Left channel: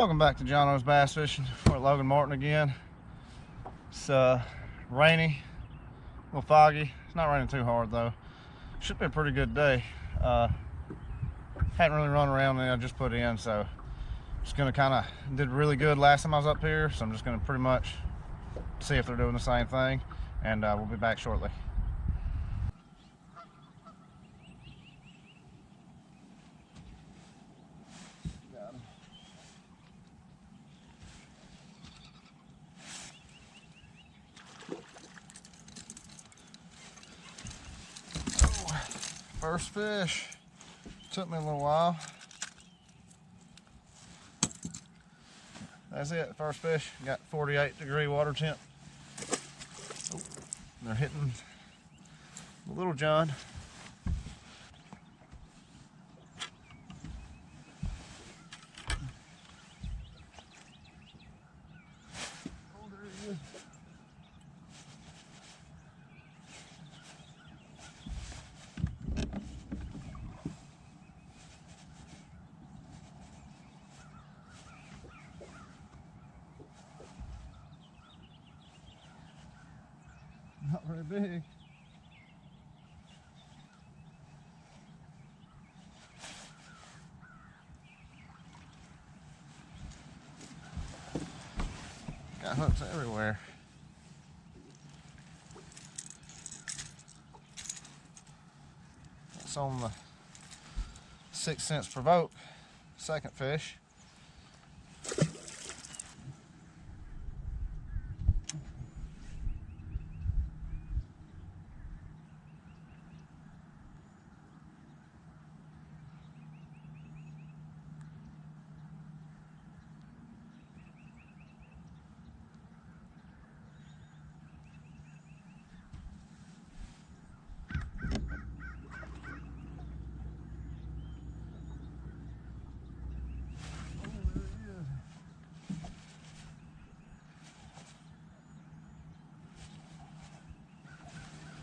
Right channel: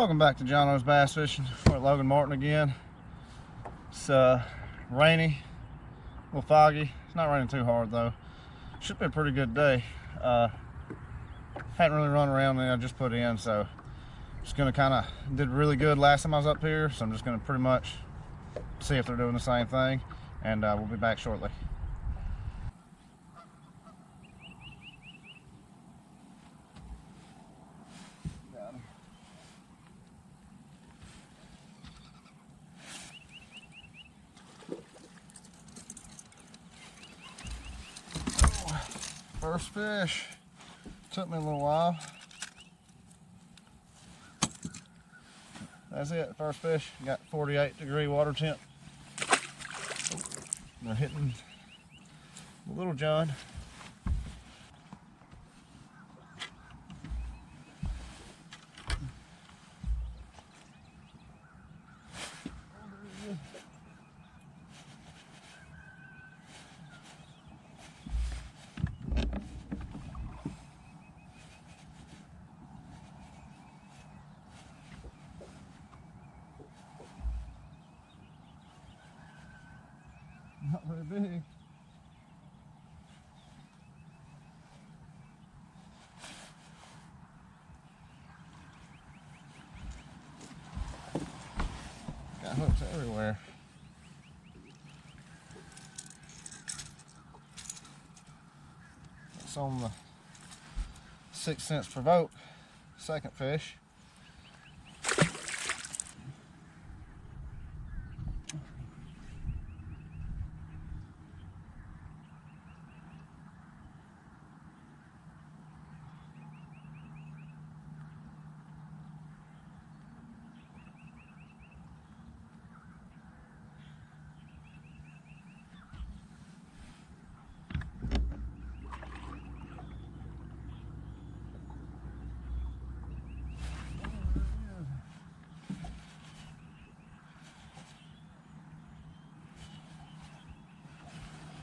Welcome back to John O's Bass Fishing. We're at Logan Martin again. It's rainy, a little foggy. It's not raining too hard though. Should be a pretty good day. Hadn't really run around and I just put in, so just gonna did really good last time I was up here, so I'm just gonna pretty much see if they're doing the same thing, and we'll be back shortly. Got him. First fish. Took me a little while. That's it, first fish. Got 48-degree water temp. Oh, they're hitting the Little John. Oh, there he is. Not very big. Got hooks everywhere. That's on the 6 cents provoke. Second fish.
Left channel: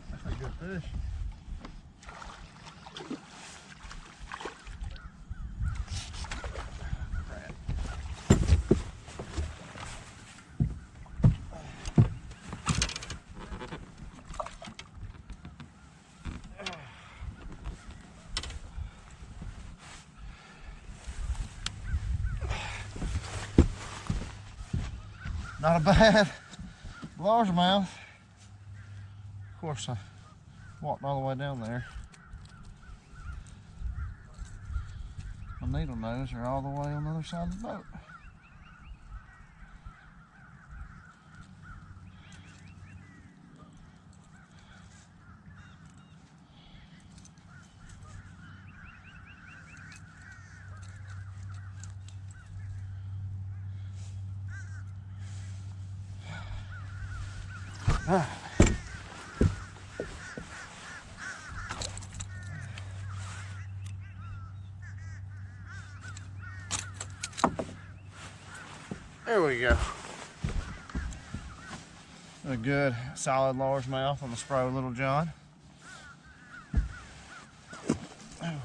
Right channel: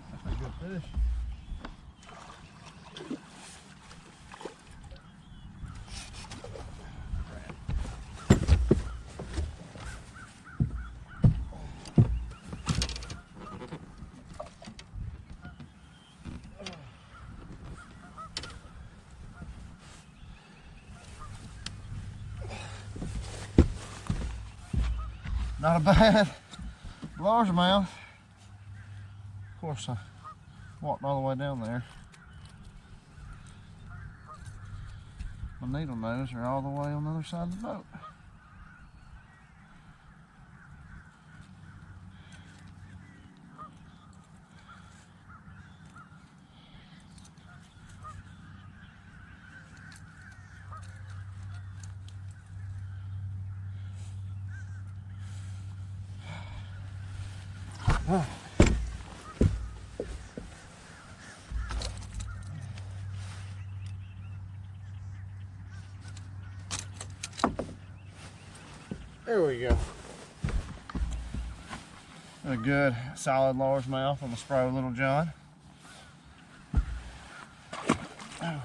That's a good fish. Not a bad largemouth. Of course, I walked all the way down there. My needle nose are all the way on the other side of the boat. There we go. A good solid largemouth on the Spro Little John. Oh.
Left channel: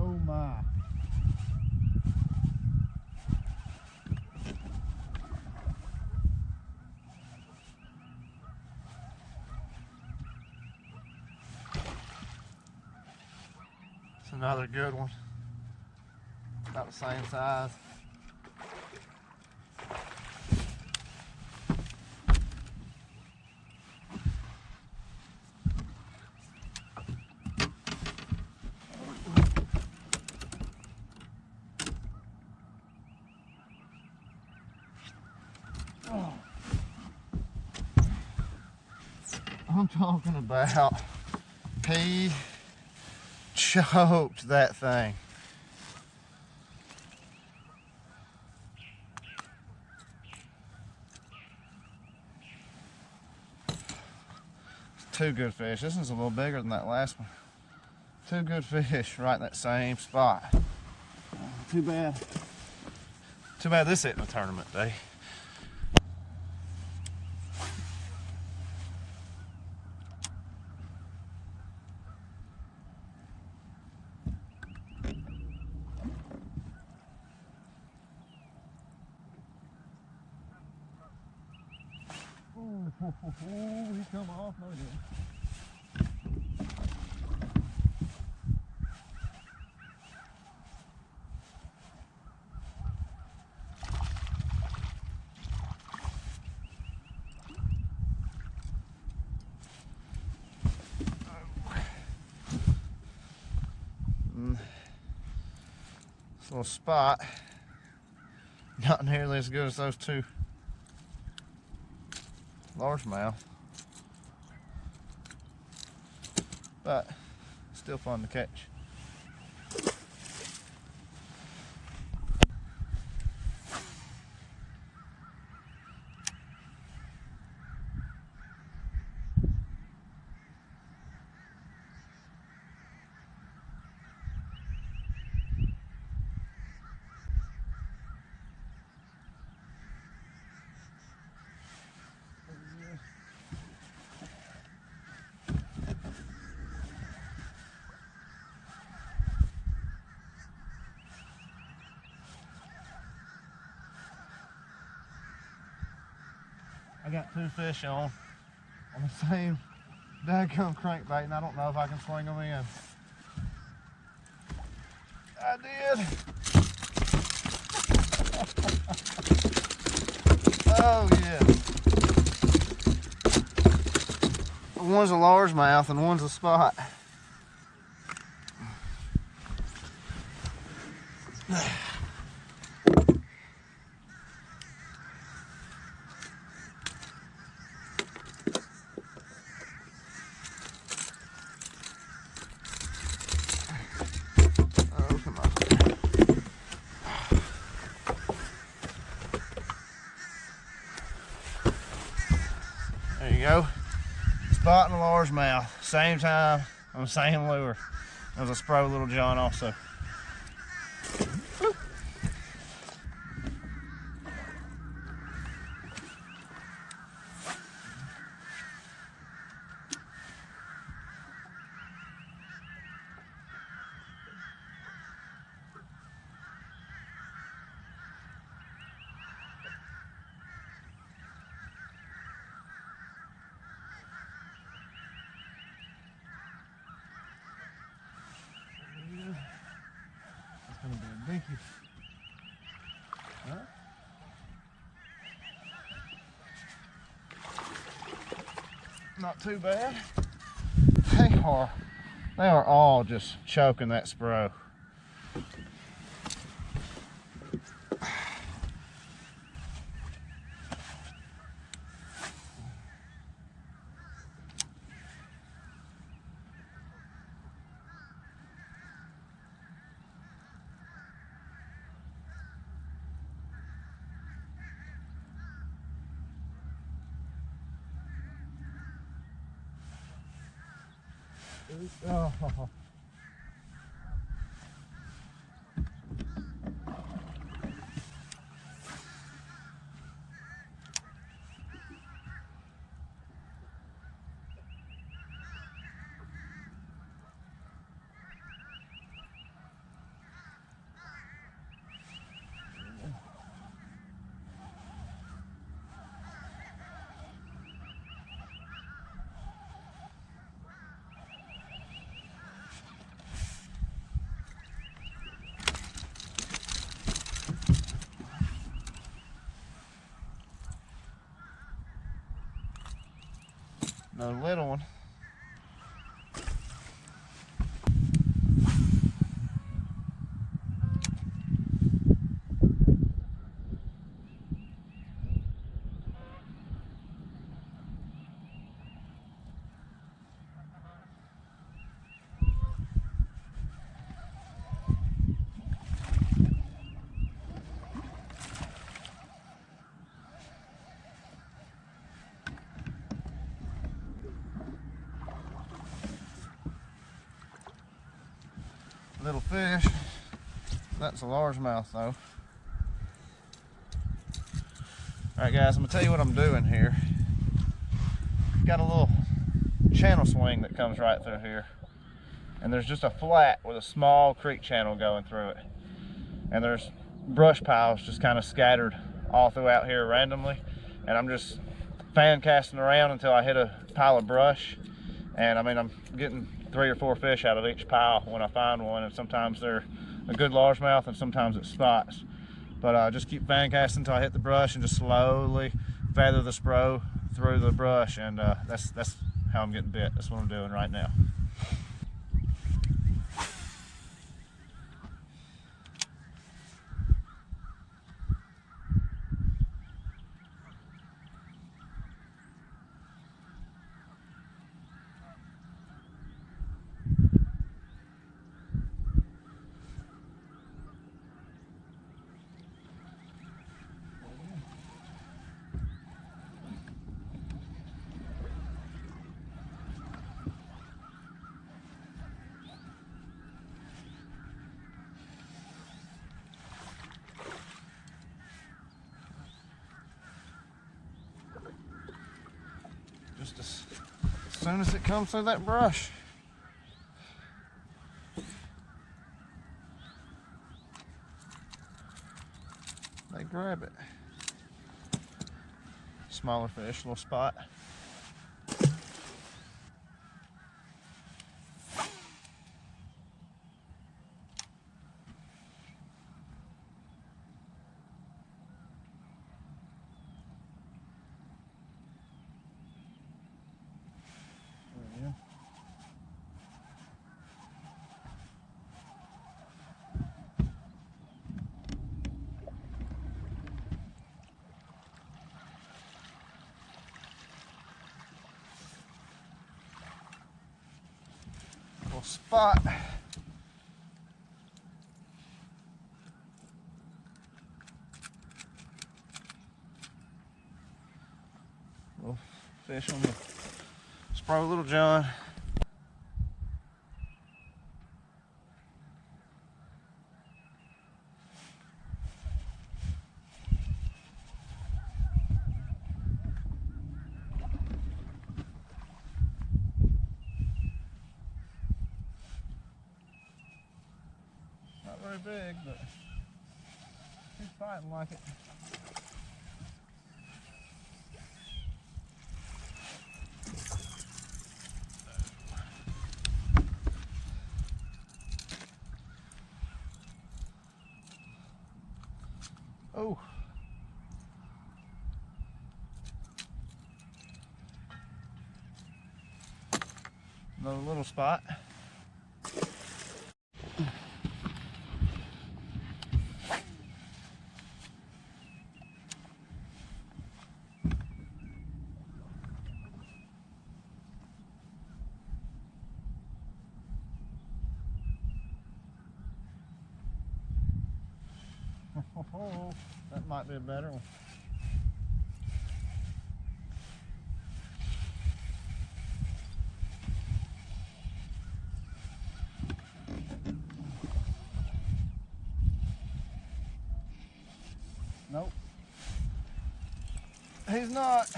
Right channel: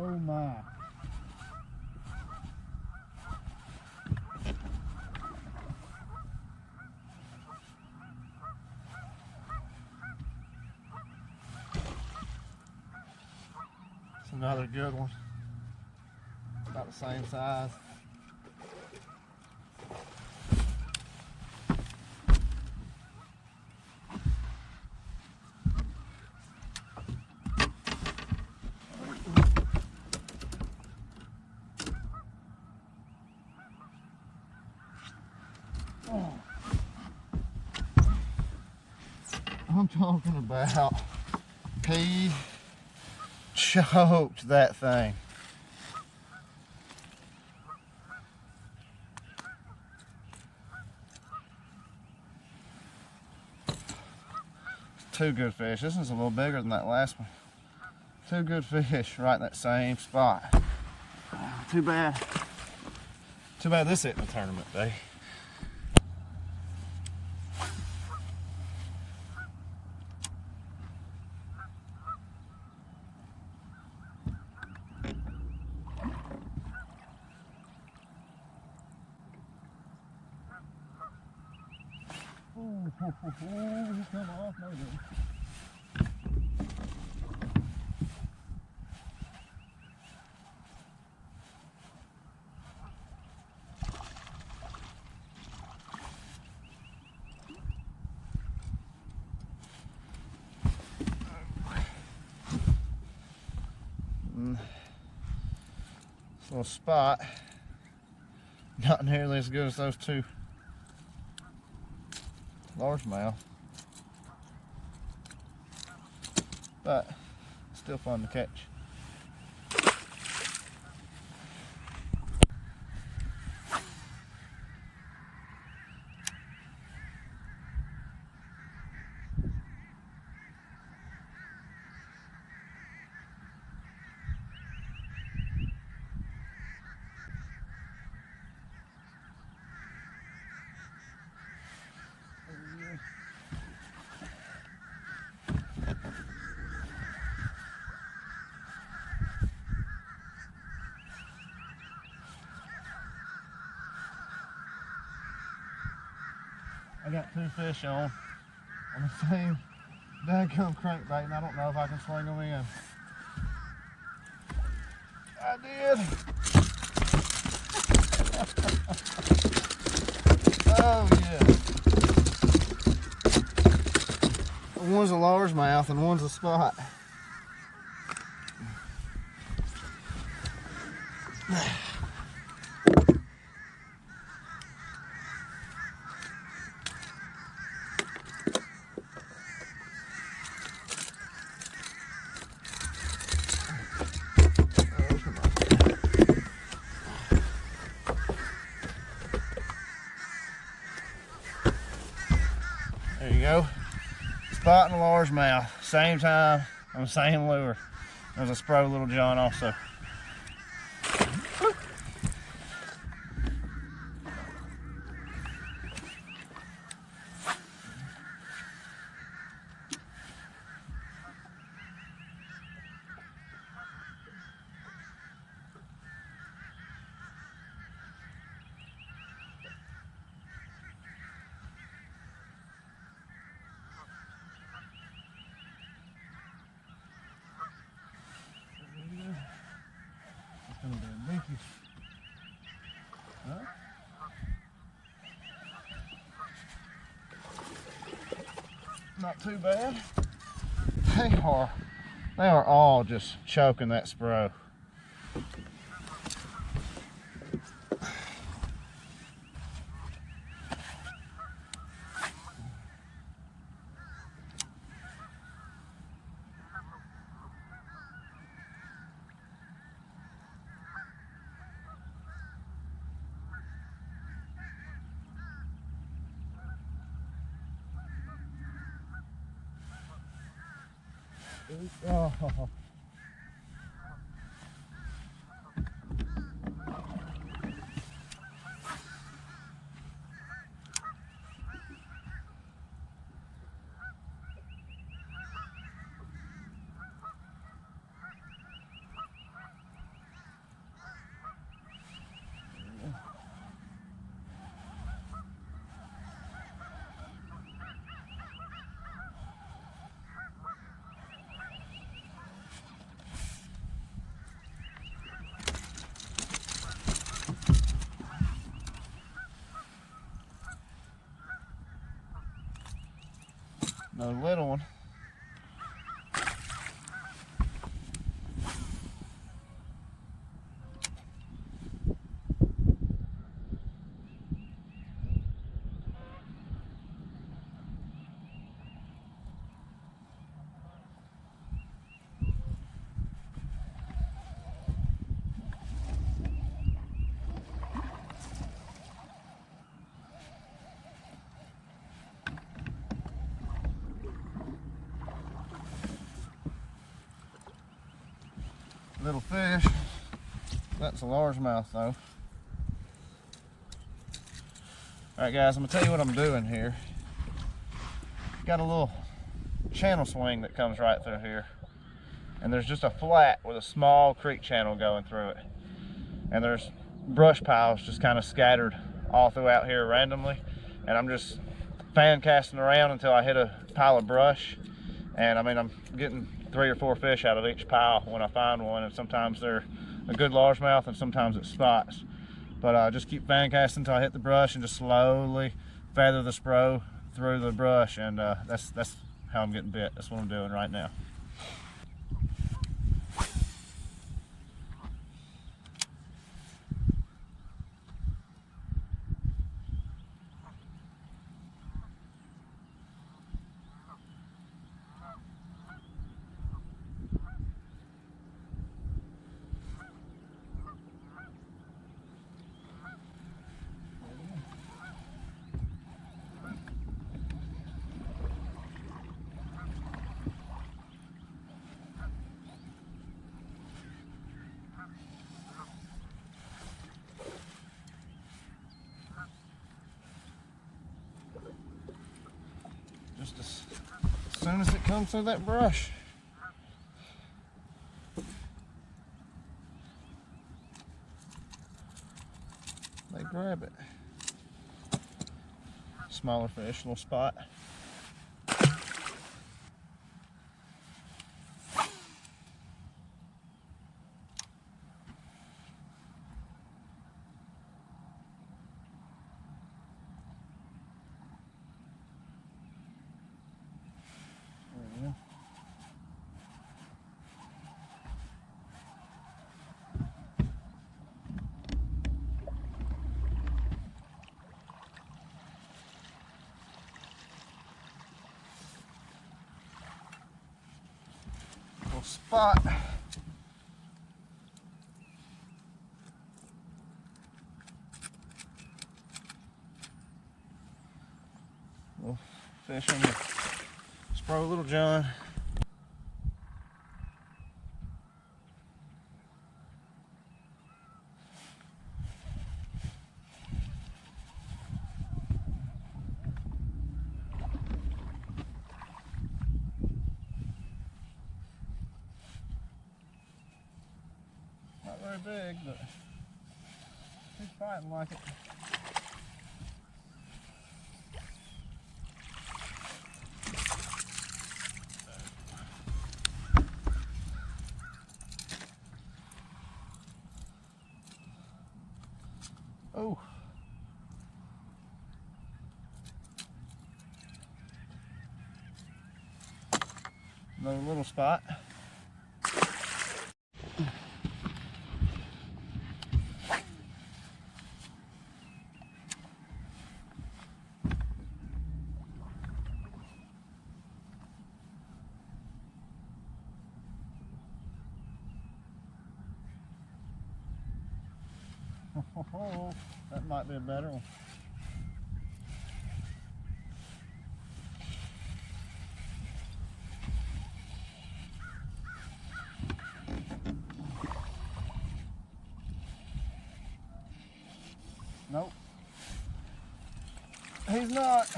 Oh my. It's another good one. About the same size. I'm talking about, he choked that thing. two good fish. This one's a little bigger than that last one. Two good fish right in that same spot. Too bad. Too bad this isn't a tournament day. He come off, no good. This little spot, not nearly as good as those two largemouth, but still fun to catch. I got two fish on the same daggum crankbait, and I don't know if I can swing them in. I did. Oh yeah. One's a largemouth and one's a spot. There you go. Spot and a largemouth. Same time on the same lure. There's a Spro Little John also. It's gonna be a dinky. Huh? Not too bad. They are all just choking that Spro. Oh. Another little one. little fish. That's a largemouth though. Alright guys, I'm gonna tell you what I'm doing here. Got a little channel swing that comes right through here. And there's just a flat with a small creek channel going through it. And there's brush piles just kind of scattered all throughout here randomly. And I'm just fan casting around until I hit a pile of brush. And I mean, I'm getting 3 or 4 fish out of each pile when I find one. And sometimes they're a good largemouth and sometimes it's spots. But just keep fan casting until I hit the brush and just slowly feather the Spro through the brush. And that's how I'm getting bit. That's what I'm doing right now. Just as soon as it comes through that brush. They grab it. Smaller fish, little spot. Little spot. Little fish on the Spro Little John. Not very big, but he's fighting like it. Oh. Another little spot. Oh, that might be a better one. Nope. He's not.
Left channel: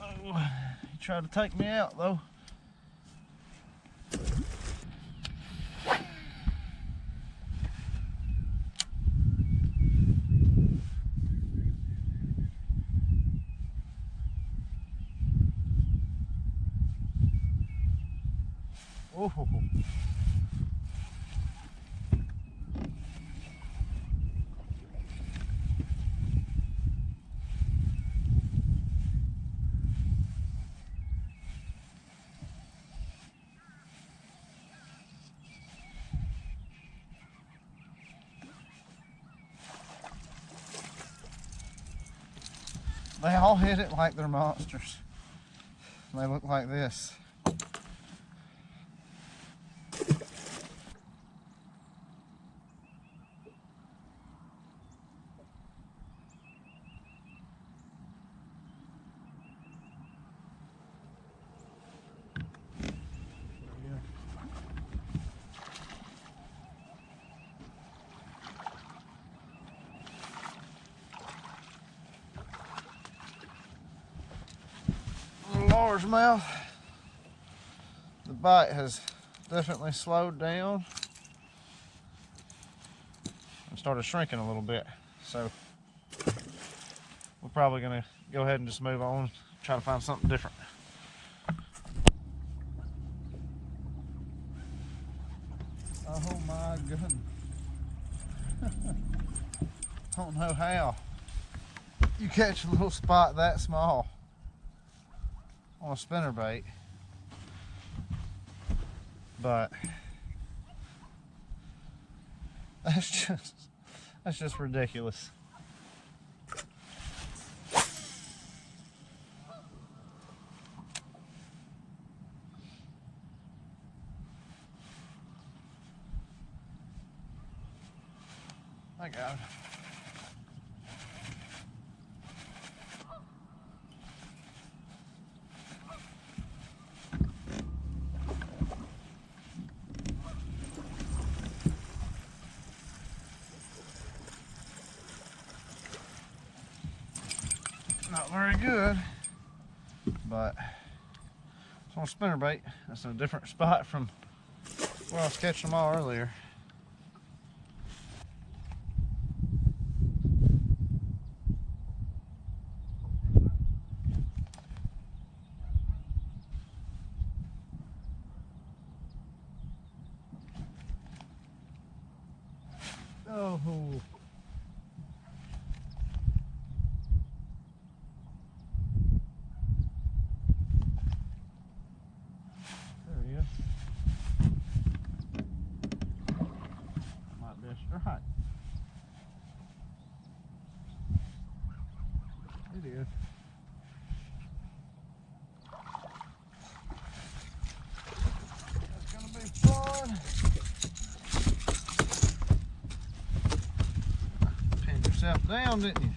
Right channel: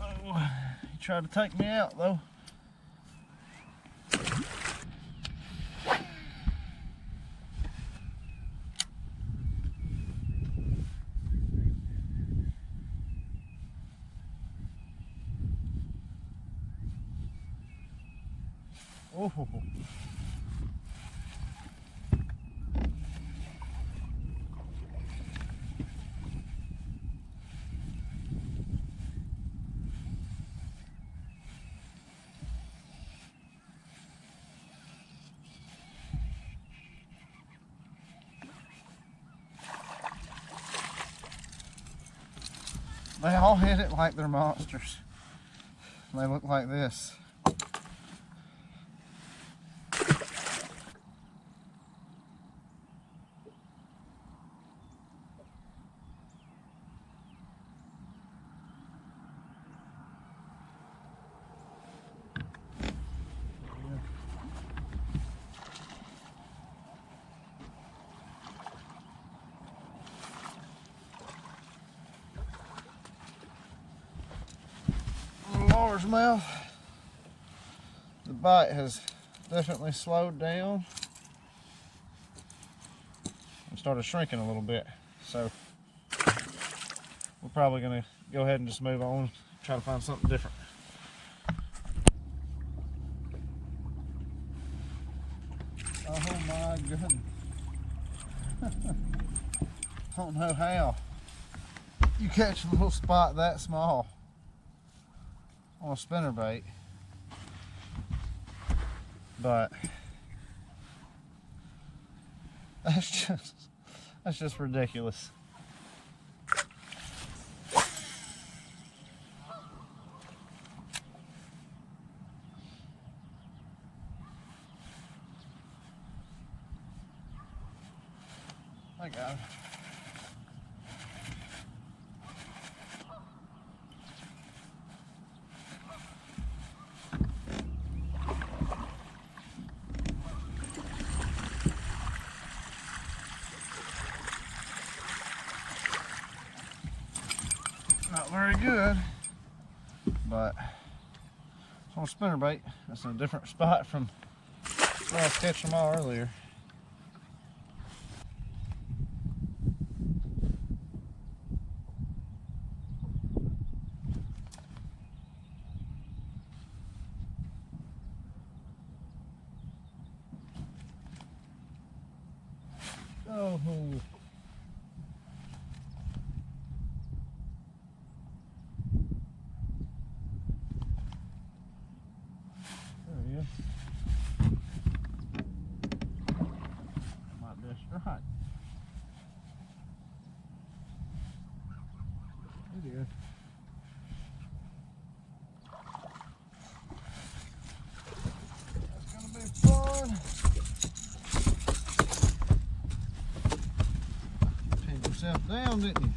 Oh, he tried to take me out though. Oh. They all hit it like they're monsters. They look like this. largemouth. The bite has definitely slowed down and started shrinking a little bit. So we're probably gonna go ahead and just move on, try to find something different. Oh my goodness. Don't know how you catch a little spot that small on a spinnerbait, but that's just ridiculous. I got it. Not very good, but it's on a spinnerbait. That's in a different spot from where I was catching them all earlier. Oh. There he is. Might be a strike. It is. That's gonna be fun. Pinned yourself down, didn't you?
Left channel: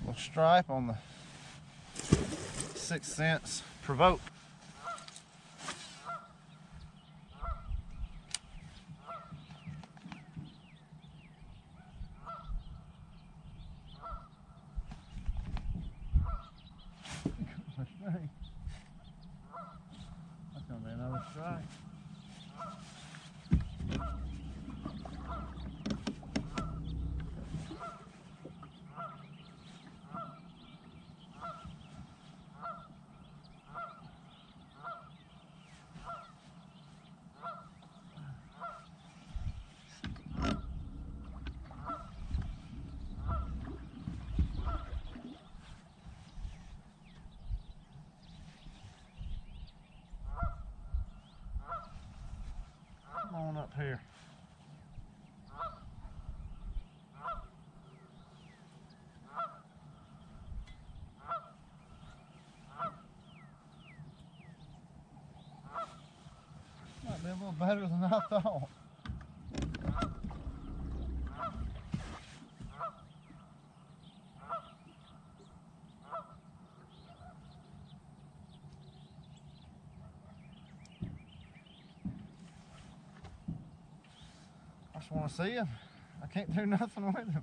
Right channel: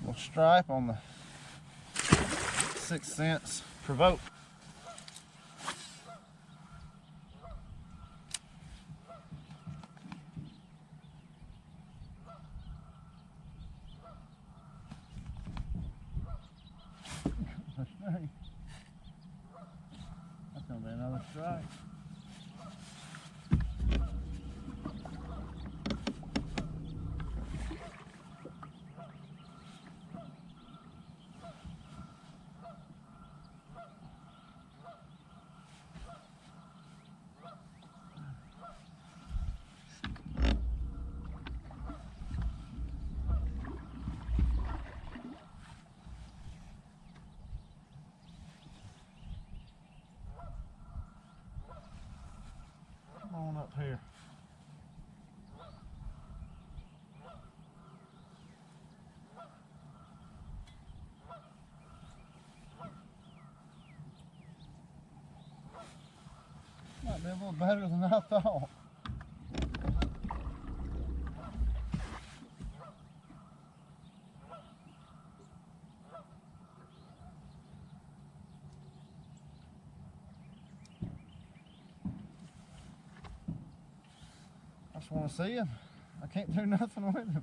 Little stripe on the 6 cents Provoke. That's gonna be another strike. Come on up here. Might be a little better than I thought. I just want to see him. I can't do nothing with him.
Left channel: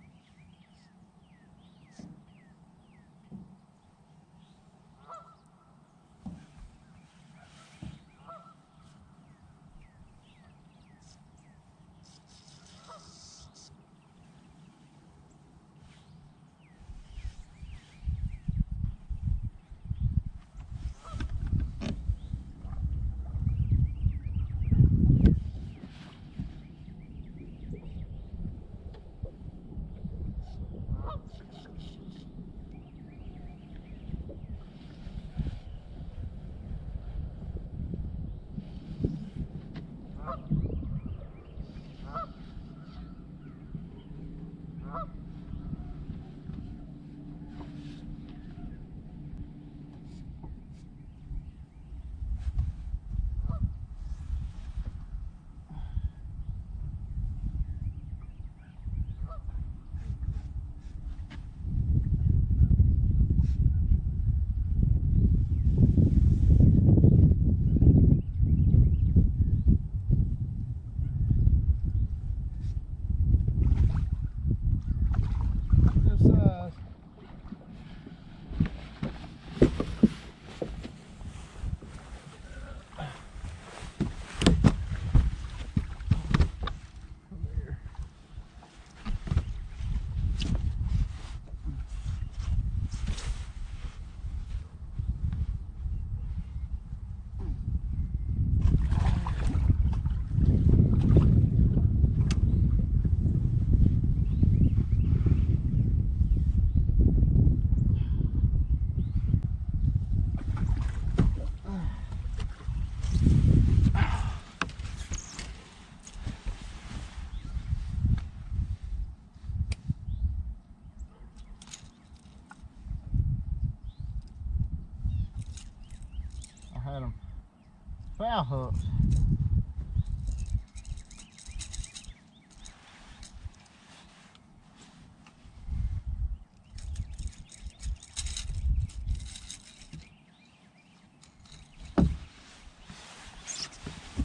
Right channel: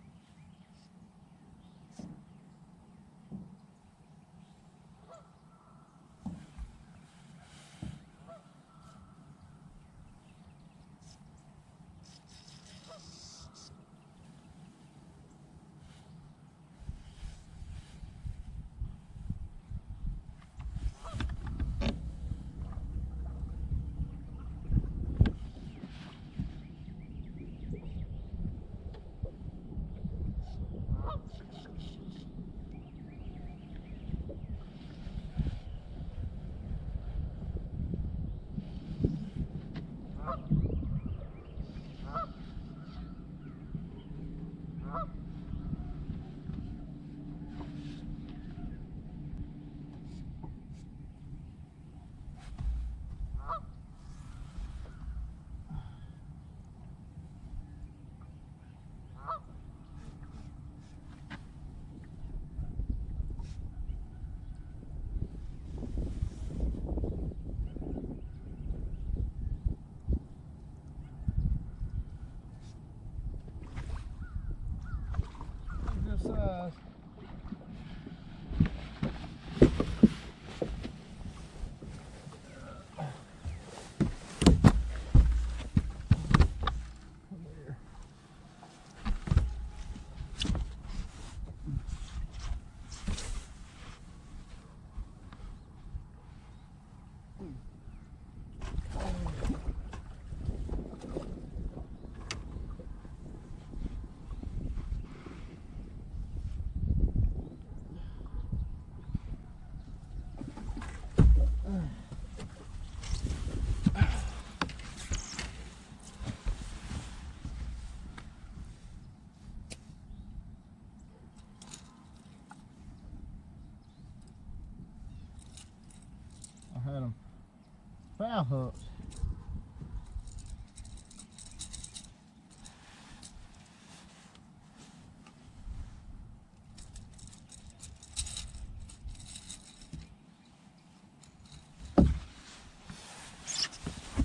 bow hooks.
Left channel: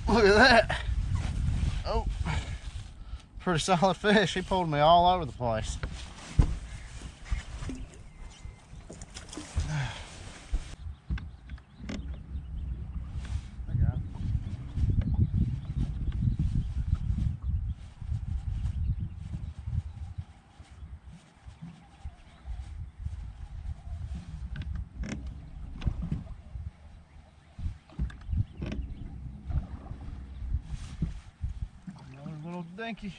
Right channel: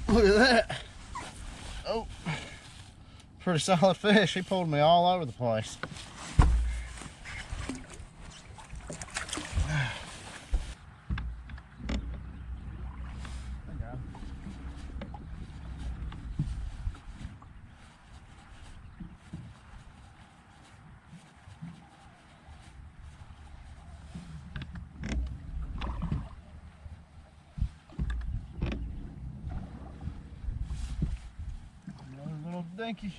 Look at that. Oh, pretty solid fish. He pulled me all over the place. Another little dinky.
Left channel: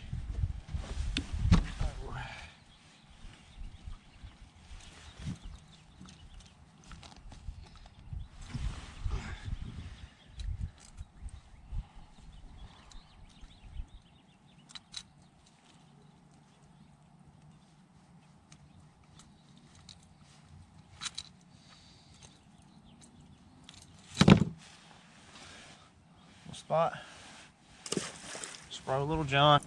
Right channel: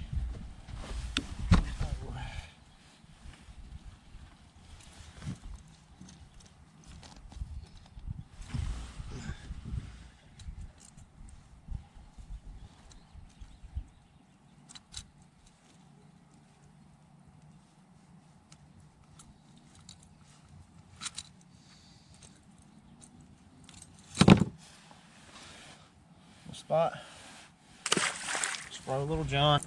Spot. Spro Little John.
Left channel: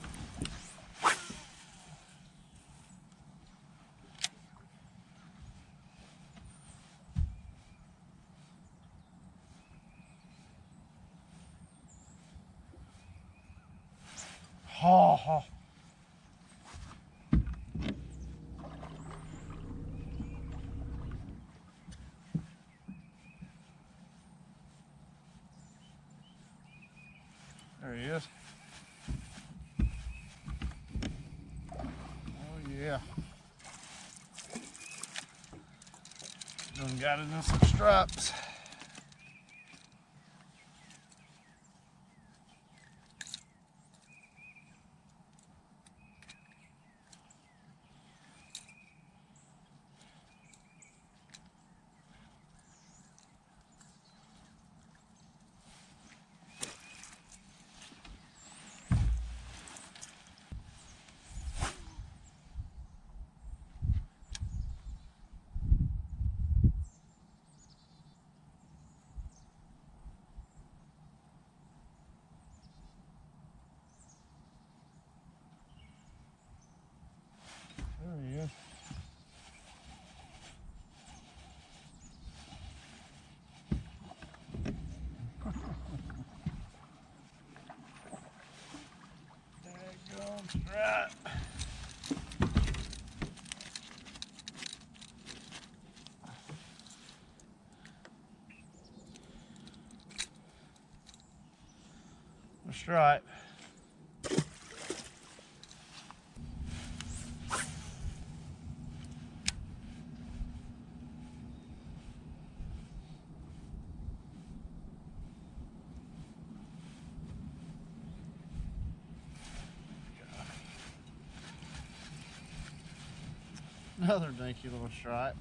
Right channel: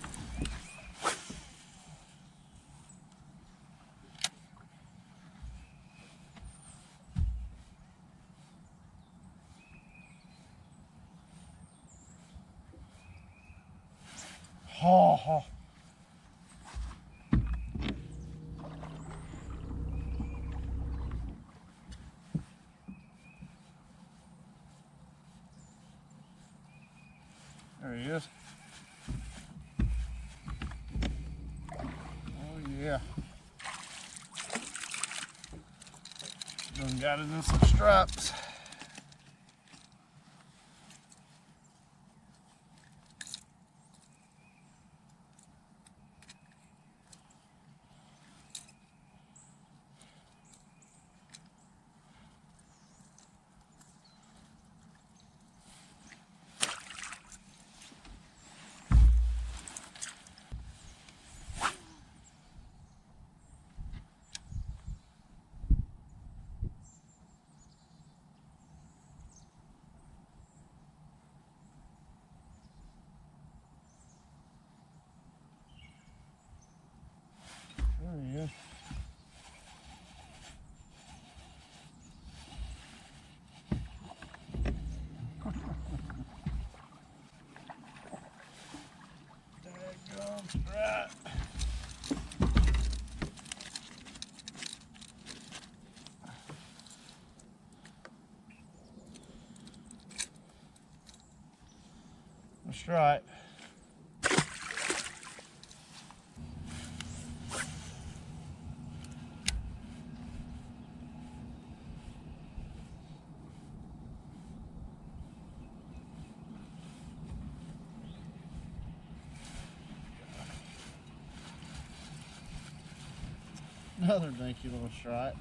Oh, oh. There he is. Oh yeah. Done got it in some straps. There he is. Daggone strap. A stripe. Another dinky little stripe.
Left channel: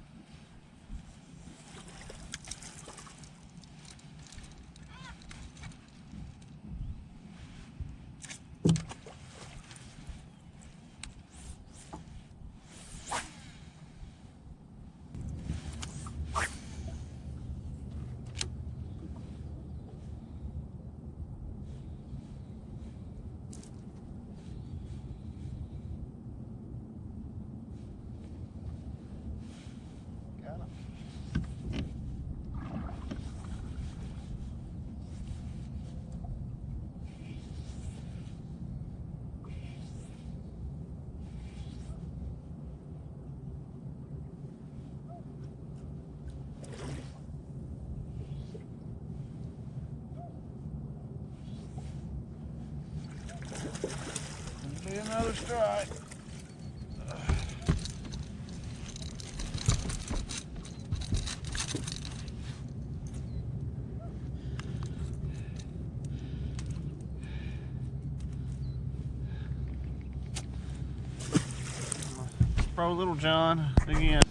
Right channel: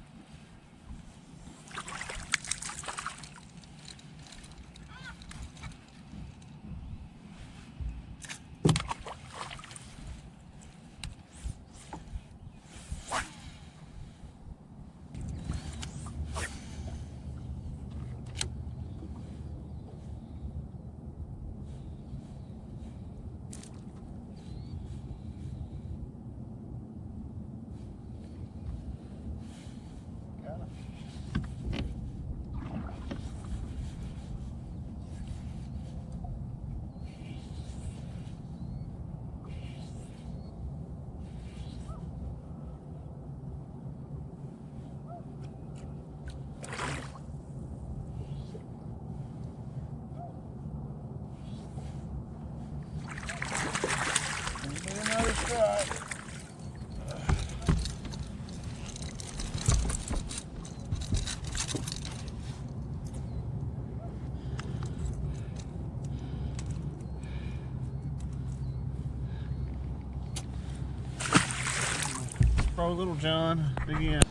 Another stripe. Pro Little John again.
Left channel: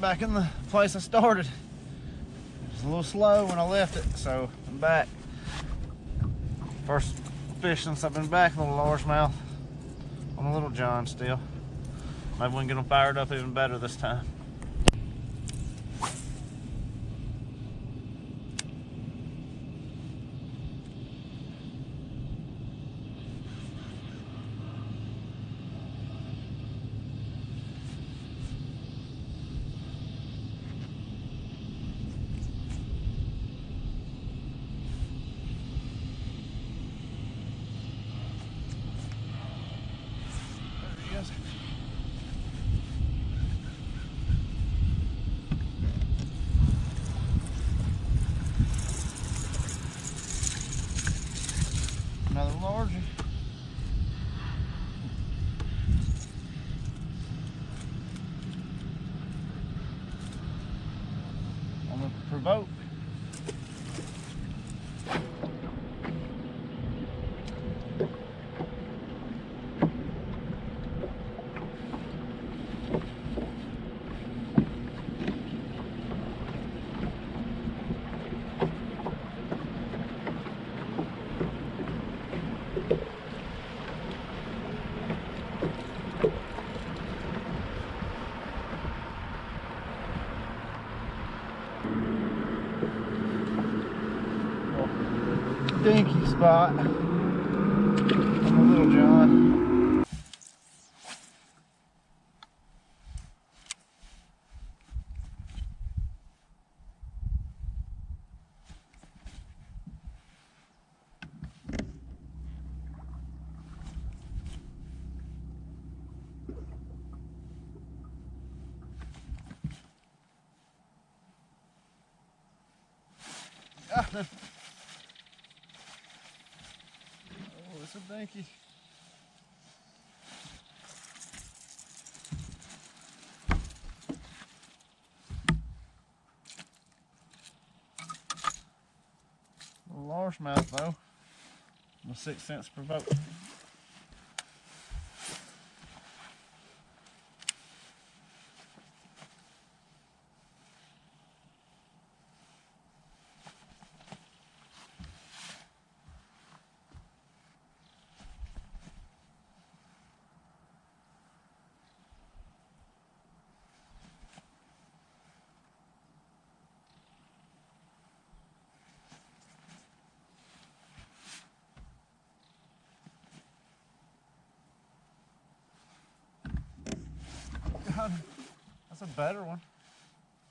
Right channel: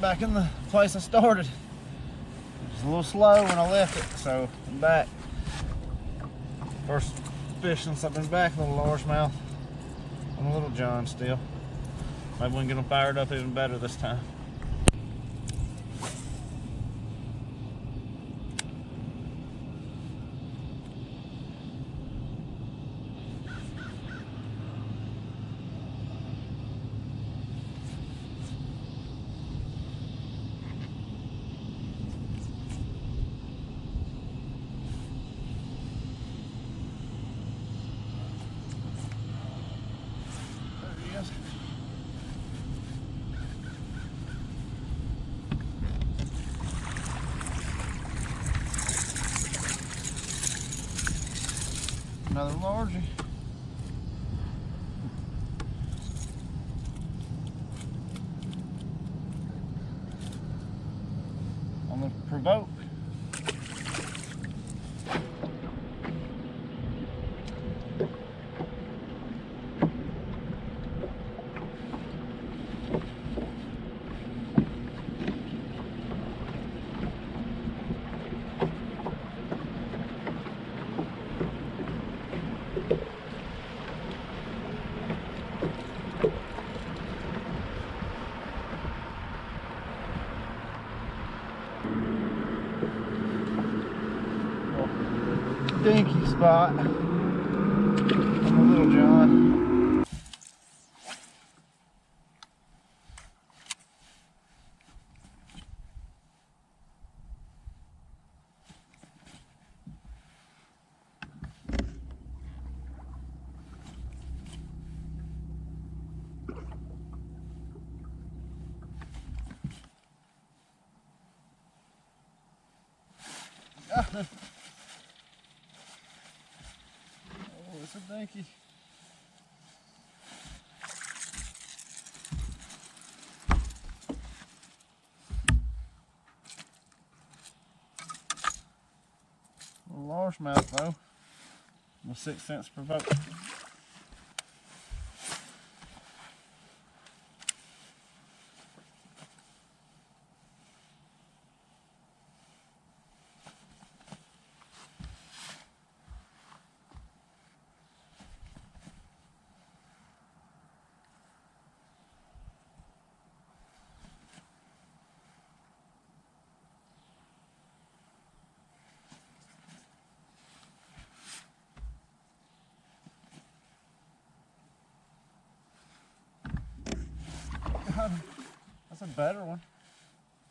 back in the place I started. It was a little slow when I left it, so I'm back. First fish since I've been back, a little largemouth on a little John still. Maybe we can get them fired up even better this time. Another largie. On the provoke. Dinky spot on the little John. Oh, it's a dinky. A little largemouth though. A 6 cents provoke. That's a better one.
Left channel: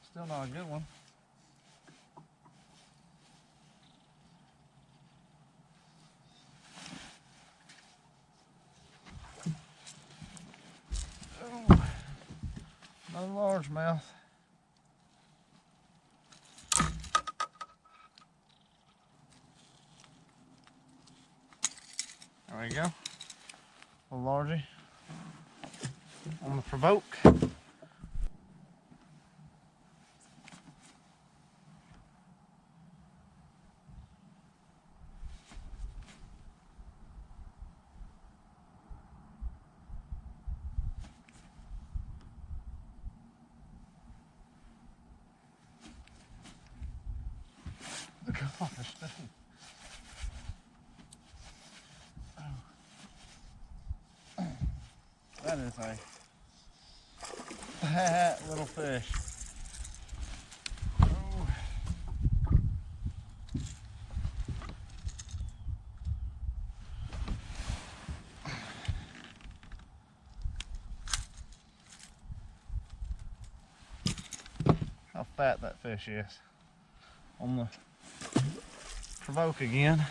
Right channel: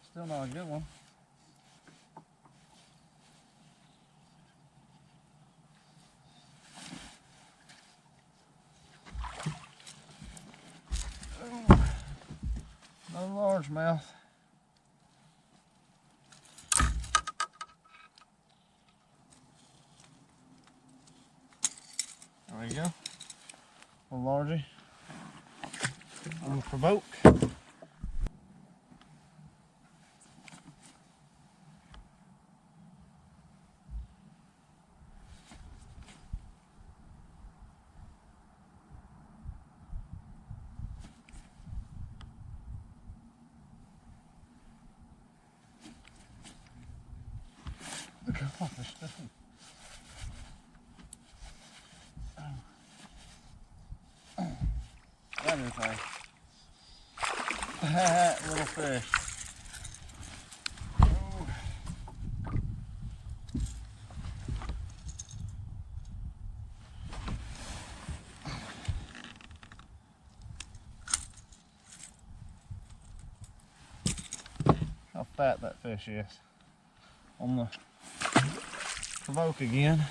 Still not a good one. Oh, another largemouth. There we go. A largie on the provoke. Look at all this stuff. That is a fat little fish. Oh. How fat that fish is. On the provoke again.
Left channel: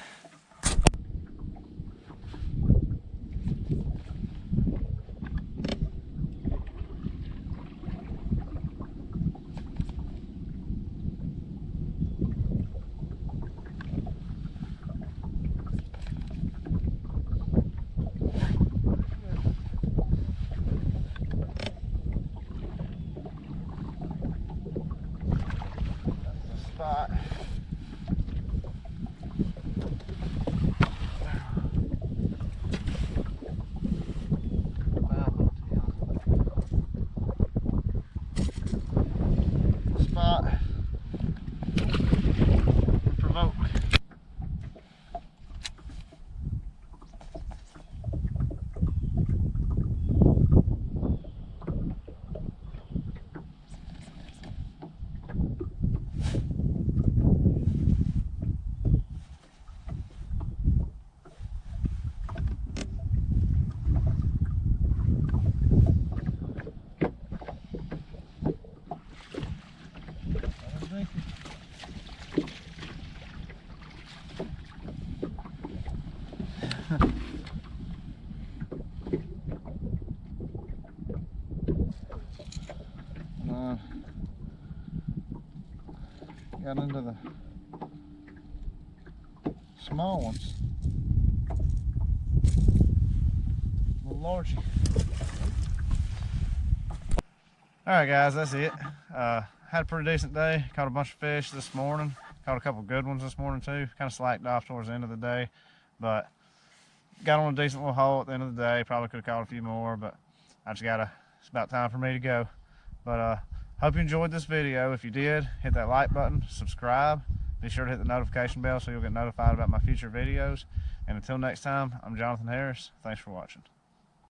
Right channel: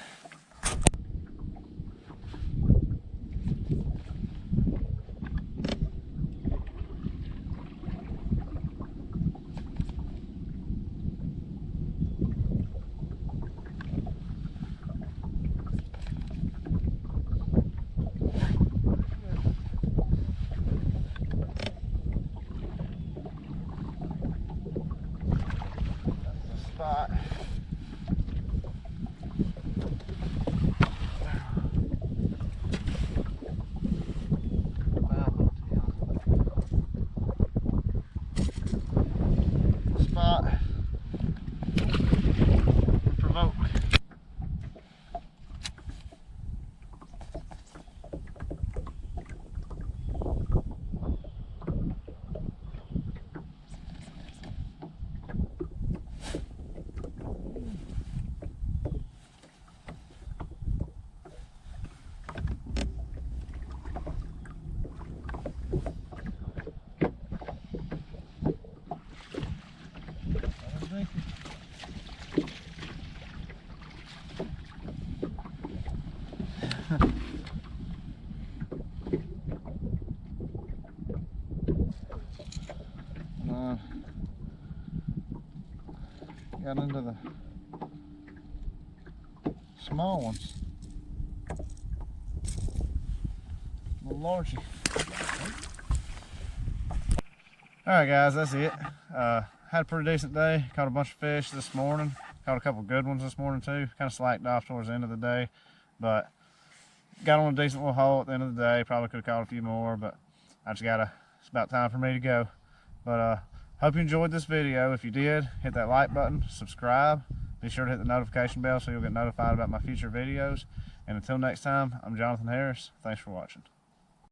Spot. got into the small ones. Little largy. Alright guys, that's it. Had a pretty decent day. Caught a bunch of fish this morning. Caught a couple good ones this morning too. Kind of slacked off towards the end of the day, but got on a decent little haul at the end of the day. Probably could have caught a few more, but it's about time for me to go. But hope you enjoyed this video. If you did, hit that like button, subscribe. Be sure to hit the notification bell so you'll get notified about my future videos. And until next time, I'm Jonathan Harris. Thanks for watching.